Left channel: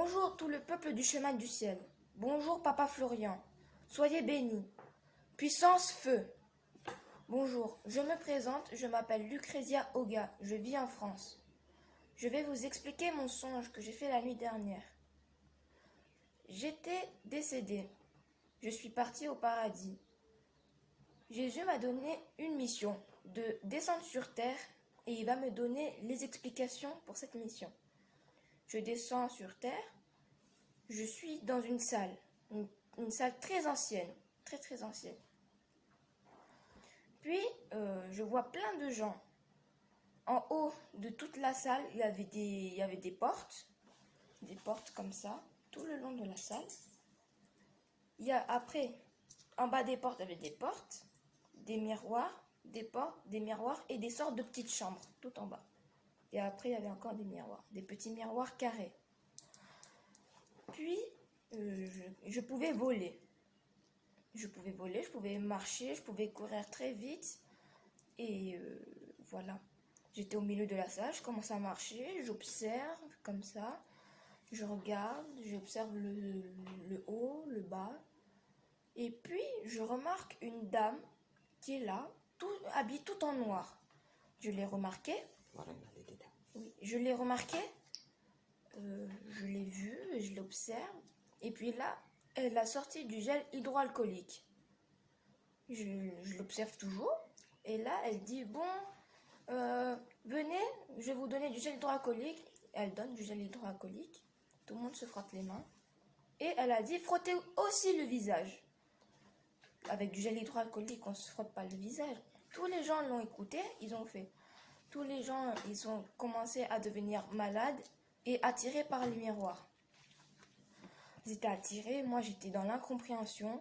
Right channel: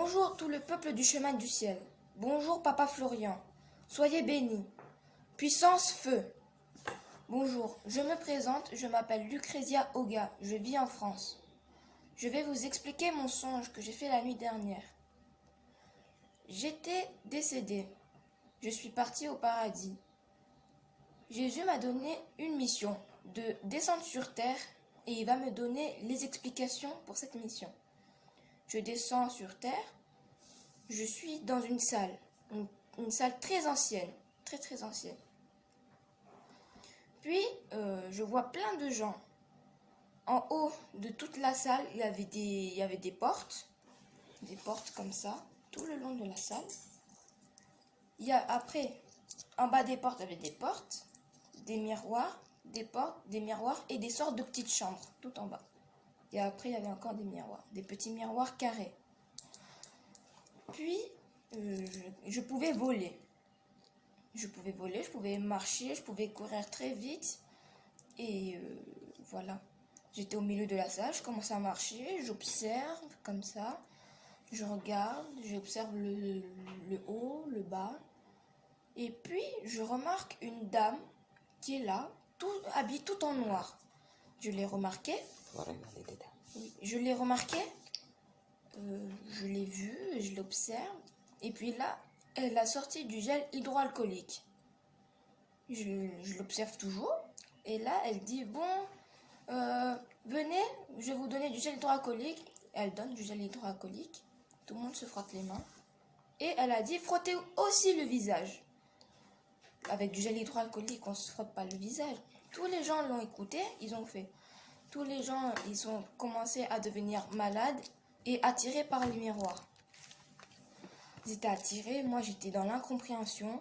Bonjour tout le peuple du chemin du ciel. Bonjour Papa Florian. Soyez bénis. Puissance feu. Bonjour, je me présente, je m'appelle Lucrezia Oga, je vis en France. Je vais vous expliquer mon songe que j'ai fait la nuit dernière. J'étais décédé. Je suis parti au paradis. Jésus m'a donné une mission, de descendre sur terre, et il va me donner les explications pour cette mission. Je descends sur terre, je suis dans une salle, une salle très ancienne, très ancienne. Puis, je vois plein de gens. En haut de toute la salle, il y avait des portes comme ça, tout le long de la salle. Après, en bas des portes, il y avait des portes, des miroirs, des portes, des miroirs et des sortes de petites chambres, tout en bas. Et après, il y avait encore des miroirs, des petits miroirs carrés. Puis, je pouvais voler. Je pouvais marcher, je pouvais courir très vite. Et voilà. J'étais au milieu de la salle, je commence à marcher, j'observe comme ça. Je regarde, j'observe le haut, le bas. Et puis, je remarque une dame qui est là, habillée tout en noir. Je l'ai remarqué. Oui, je l'ai remarqué. Je l'ai vue, je l'observe. Et puis là, elle a sorti du gel hydroalcoolique. Je l'observe toujours. Et là, elle dit, bon, venez, je vais vous donner du gel hydroalcoolique. Elle donne du gel hydroalcoolique. Tout le monde se frotte les mains. Et elle a dit, frottez aussi le visage. Avec du gel hydroalcoolique, on ne se frotte pas le visage. Tous les gens l'ont écouté, ils ont fait. Tous les gens, ils ont commencé à devenir malades et attirés par le miroir. Ils étaient attirés, moi j'étais dans l'incompréhension.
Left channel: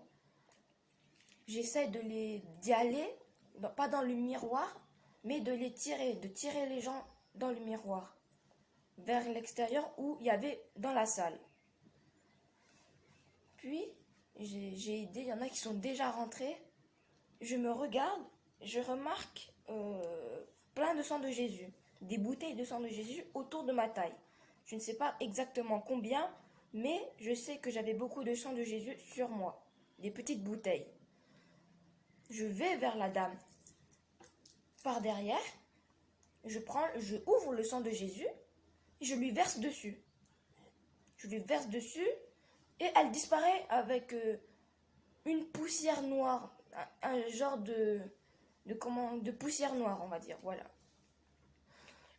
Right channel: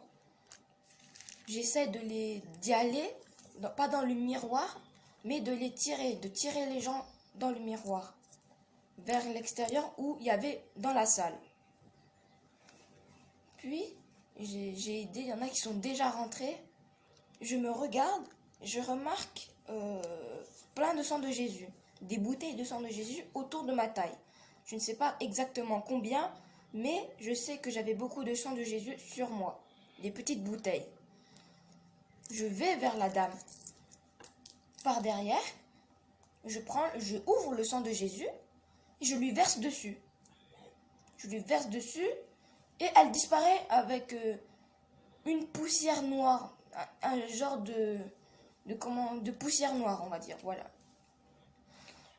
J'essaie d'y aller, pas dans le miroir, mais de tirer les gens dans le miroir, vers l'extérieur où il y avait dans la salle. Puis, j'ai aidé, il y en a qui sont déjà rentrés. Je me regarde, je remarque plein de sang de Jésus, des bouteilles de sang de Jésus autour de ma taille. Je ne sais pas exactement combien, mais je sais que j'avais beaucoup de sang de Jésus sur moi, des petites bouteilles. Je vais vers la dame. Par derrière, je ouvre le sang de Jésus et je lui verse dessus. Je lui verse dessus et elle disparaît avec une poussière noire, un genre de poussière noire, on va dire, voilà.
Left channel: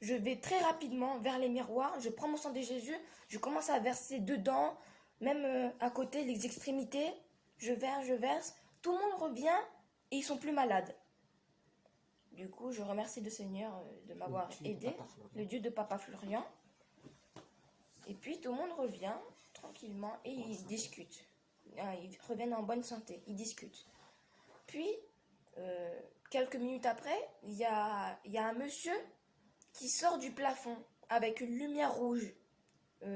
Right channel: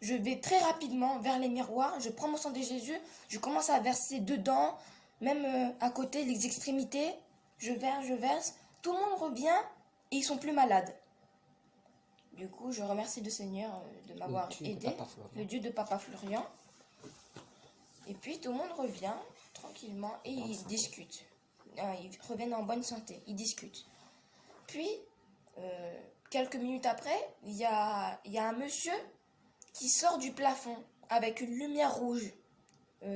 Je vais très rapidement vers les miroirs, je prends mon sang de Jésus, je commence à verser dedans, même à côté, les extrémités, je verse, tout le monde revient et ils sont plus malades. Du coup, je remercie le Seigneur de m'avoir aidé, le Dieu de Papa Florian. Et puis tout le monde revient tranquillement et ils discutent. Ils reviennent en bonne santé, ils discutent. Puis, quelques minutes après, il y a un monsieur qui sort du plafond avec une lumière rouge,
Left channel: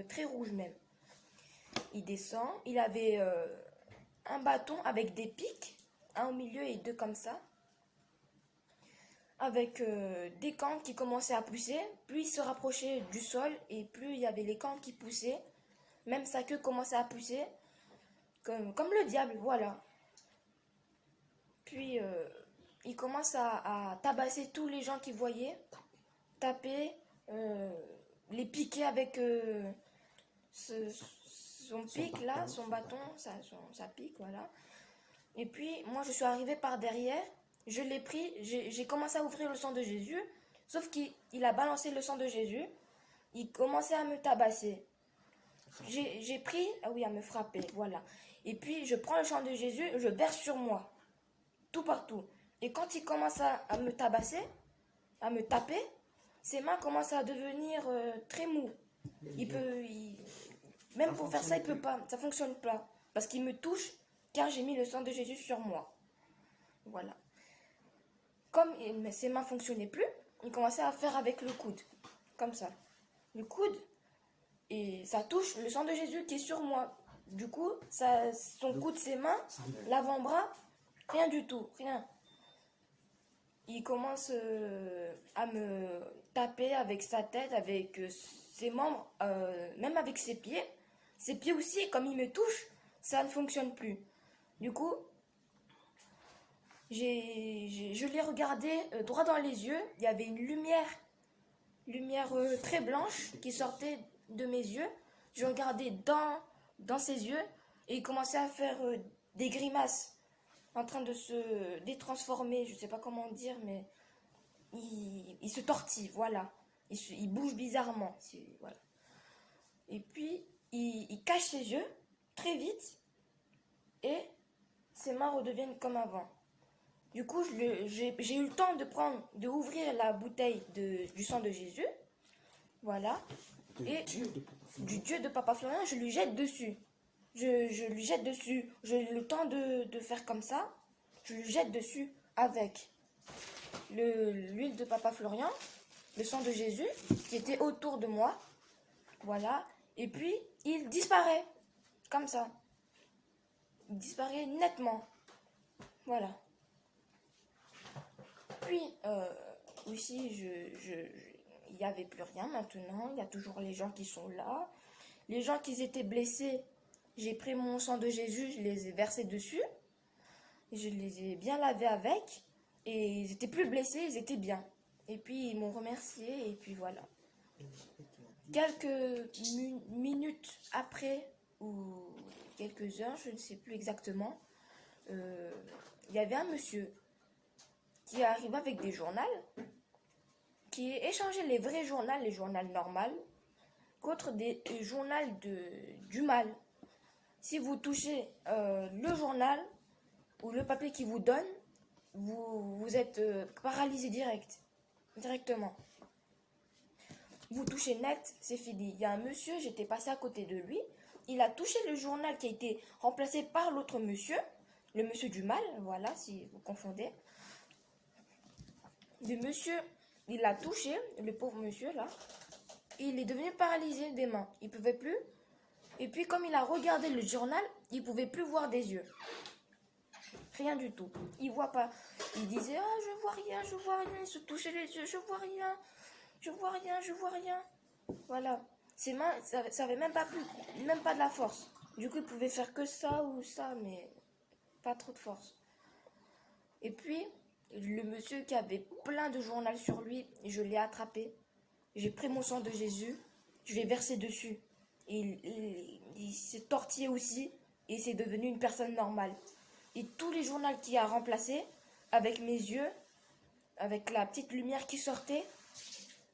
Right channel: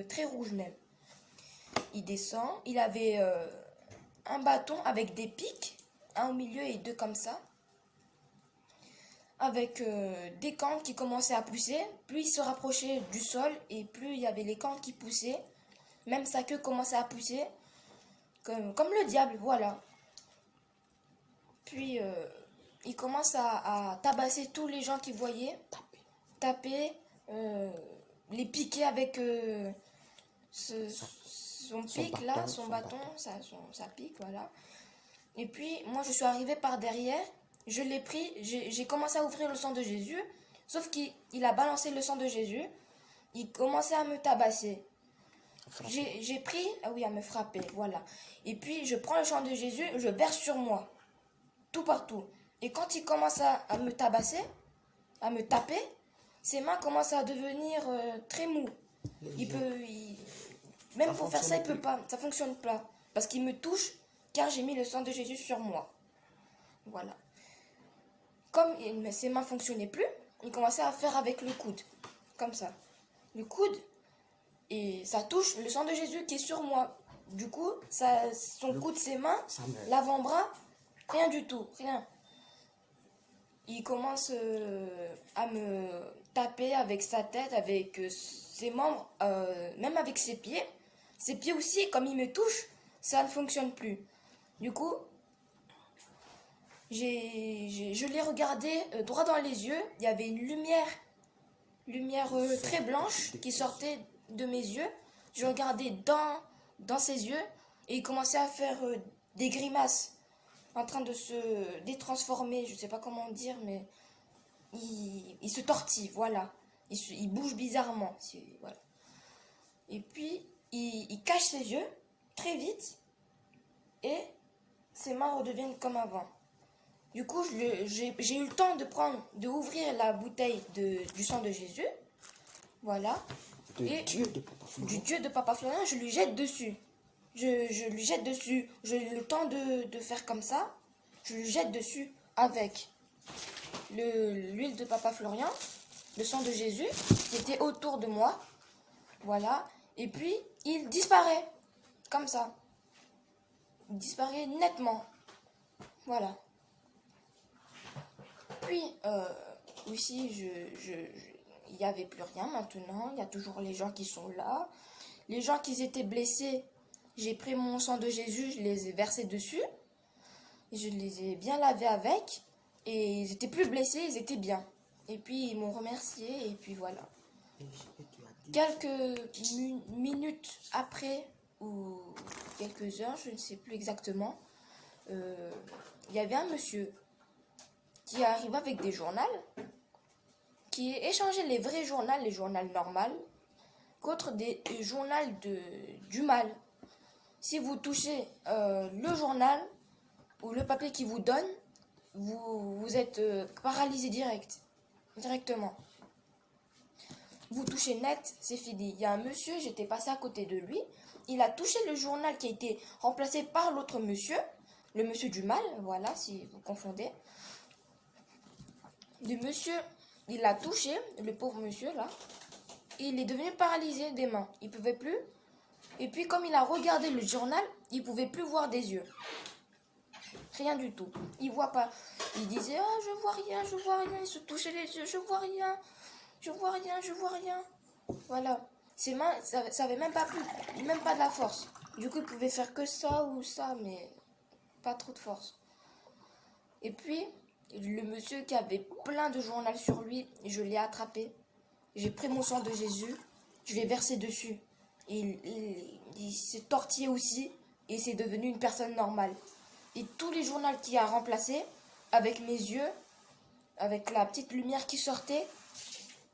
très rouge même. Il descend, il avait un bâton avec des pics, un au milieu et deux comme ça, avec des cornes qui commençaient à pousser. Plus il se rapprochait du sol et plus il y avait les cornes qui poussaient, même sa queue commençait à pousser, comme le diable, voilà. Puis il commence à tabasser tous les gens qu'il voyait, taper, les piquer avec son pic là, son bâton, sa pique, voilà. Et puis moi je suis arrivée par derrière, je l'ai pris, j'ai commencé à ouvrir le sang de Jésus, sauf qu'il a balancé le sang de Jésus, il commençait à me tabasser. J'ai pris, à me frapper, voilà. Et puis je prends le sang de Jésus, je verse sur moi, tout partout. Et quand il commence à me tabasser, à me taper, ses mains commencent à devenir très mous. Même pour faire ça, il peut pas, ça fonctionne pas. Parce qu'il me touche, car j'ai mis le sang de Jésus sur moi. Voilà. Comme ses mains fonctionnaient plus, il commençait à faire avec le coude, comme ça. Le coude, et ça touche le sang de Jésus qui est sur moi. Du coup, son coude, ses mains, l'avant-bras, rien du tout, rien. Il commence à me taper avec sa tête, avec ses membres, même avec ses pieds. Ses pieds aussi, comme il me touche, ça ne fonctionne plus. Du coup, je l'ai regardé droit dans les yeux. Il y avait une lumière très blanche qui sortait de mes yeux. Je regardais dans ses yeux et il commençait à faire des grimaces, en train de se détransformer, je ne sais pas comment dire, mais il se tortille, voilà. Il bouge bizarrement, voilà. Et puis, il cache ses yeux très vite et ses mains redeviennent comme avant. Du coup, j'ai eu le temps de ouvrir la bouteille du sang de Jésus. Voilà. Du Dieu de Papa Florian, je lui jette dessus. Je lui jette dessus. J'ai le temps de faire comme ça. Je lui jette dessus avec l'huile de Papa Florian, le sang de Jésus qui était autour de moi. Voilà. Et puis, il disparaît. Comme ça. Il disparaît nettement. Voilà. Puis, aussi, il n'y avait plus rien maintenant. Il y a toujours les gens qui sont là. Les gens qui étaient blessés, j'ai pris mon sang de Jésus, je les ai versés dessus. Je les ai bien lavés avec. Et ils étaient plus blessés, ils étaient bien. Et puis, ils m'ont remercié. Et puis, voilà. Quelques minutes après, ou quelques heures, je ne sais plus exactement, il y avait un monsieur qui arrive avec des journaux, qui échangeait les vrais journaux, les journaux normaux, contre des journaux du mal. Si vous touchez le journal ou le papier qu'il vous donne, vous êtes paralysé directement. Vous touchez net, c'est fini. Il y a un monsieur, j'étais passé à côté de lui, il a touché le journal qui a été remplacé par l'autre monsieur, le monsieur du mal, voilà, si vous confondez. Le monsieur, il l'a touché, le pauvre monsieur là, et il est devenu paralysé des mains. Il ne pouvait plus. Et puis comme il a regardé le journal, il ne pouvait plus voir des yeux. Rien du tout. Il ne voit pas. Il disait, ah, je vois rien, je vois rien. Il se touchait les yeux, je vois rien, je vois rien, je vois rien. Voilà. Ses mains, ça n'avait même pas plus, même pas de la force. Du coup, il pouvait faire que ça ou ça, mais pas trop de force. Et puis, le monsieur qui avait plein de journaux sur lui, je l'ai attrapé. J'ai pris mon sang de Jésus, je l'ai versé dessus. Et il s'est tortillé aussi et c'est devenu une personne normale. Et tous les journaux qu'il a remplacés, avec mes yeux, avec la petite lumière qui sortait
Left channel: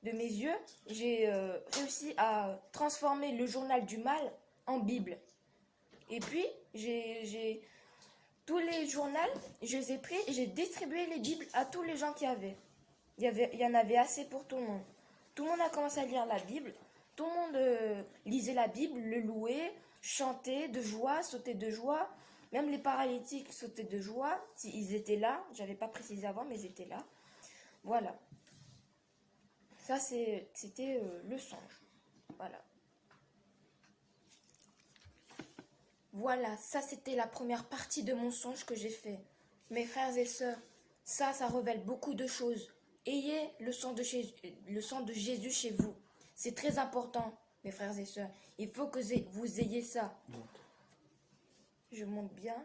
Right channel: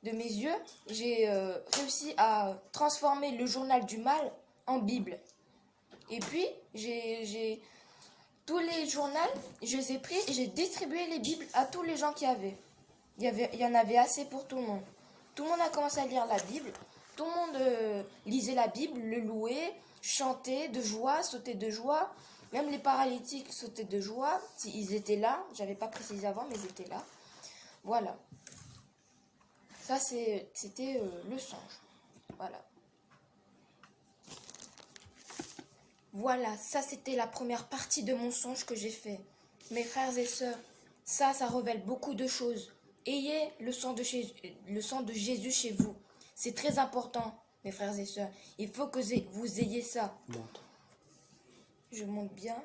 de mes yeux, j'ai réussi à transformer le journal du mal en Bible. Et puis, tous les journaux, je les ai pris et j'ai distribué les Bibles à tous les gens qui avaient. Il y en avait assez pour tout le monde. Tout le monde a commencé à lire la Bible. Tout le monde lisait la Bible, le louait, chantait de joie, sautait de joie. Même les paralytiques sautaient de joie. Ils étaient là. J'avais pas précisé avant, mais ils étaient là. Voilà. Ça, c'était le songe. Voilà. Voilà, ça c'était la première partie de mon songe que j'ai fait. Mes frères et sœurs, ça révèle beaucoup de choses. Ayez le sang de Jésus chez vous. C'est très important, mes frères et sœurs. Il faut que vous ayez ça. Je montre bien.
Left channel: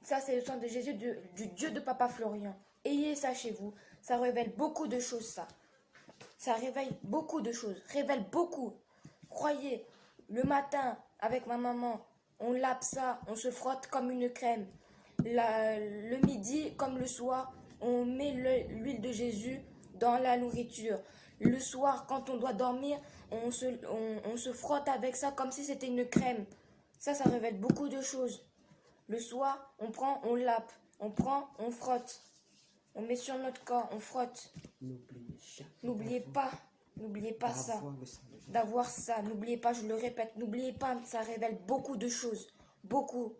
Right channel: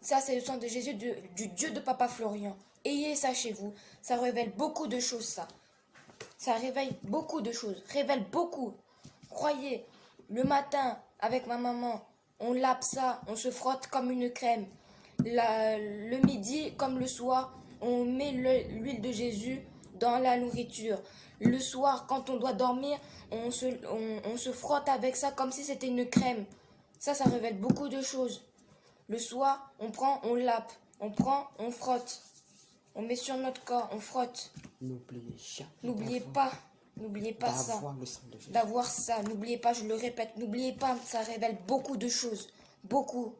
Ça, c'est le sang de Jésus, du Dieu de Papa Florian. Ayez ça chez vous. Ça révèle beaucoup de choses, ça. Ça réveille beaucoup de choses. Révèle beaucoup. Croyez, le matin, avec ma maman, on lave ça, on se frotte comme une crème. Le midi, comme le soir, on met l'huile de Jésus dans la nourriture. Le soir, quand on doit dormir, on se frotte avec ça comme si c'était une crème. Ça révèle beaucoup de choses. Le soir, on prend, on lave. On prend, on frotte. On met sur notre corps, on frotte. N'oubliez pas ça. D'avoir ça. N'oubliez pas, je le répète, n'oubliez pas, ça révèle beaucoup de choses. Beaucoup.